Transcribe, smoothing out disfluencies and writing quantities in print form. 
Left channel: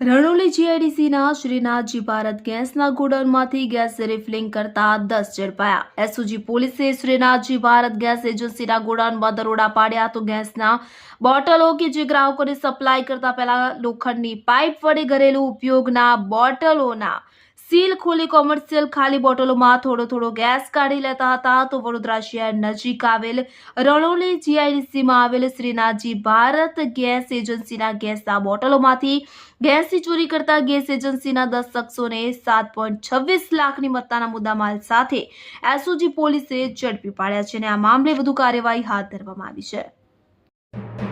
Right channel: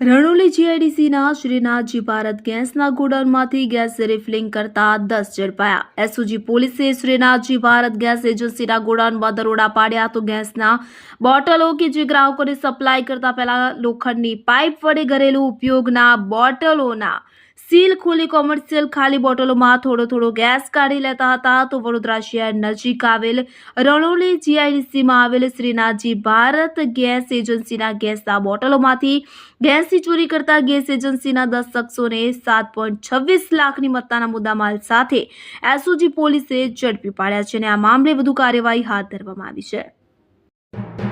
રણોલી જીઆઈડીસીના શ્રીનાથજી ભારત ગેસના ગોડાઉનમાંથી gas refilling કરતા 10 ઝડપાયા। એસઓજી પોલીસે શ્રીનાથજી ભારત ગેસ એજન્સીના ગોડાઉનમાં દરોડા પાડ્યા તો ગેસના બોટલો કે જે ગ્રાહકોને સપ્લાય કરતા પહેલા લોખંડની પાઇપ વડે ઘરેલું ઉપયોગના બોટલોના સીલ ખોલી કોમર્શિયલ ખાલી બોટલોમાં થોડો ગેસ કાઢી લેતા હતા। તો વડોદરા શહેર નજીક આવેલ રણોલી જીઆઈડીસીમાં આવેલ શ્રીનાથજી ભારત ગેસ એજન્સીના ગેસના બોટલોમાંથી ગેસની ચોરી કરતા ગેસ એજન્સીના 10 શખ્સોને 7.26 લાખની મત્તાના મુદ્દામાલ સાથે એસઓજી પોલીસે ઝડપી પાડ્યા છે અને આ મામલે વધુ કાર્યવાહી હાથ ધરવામાં આવી છે।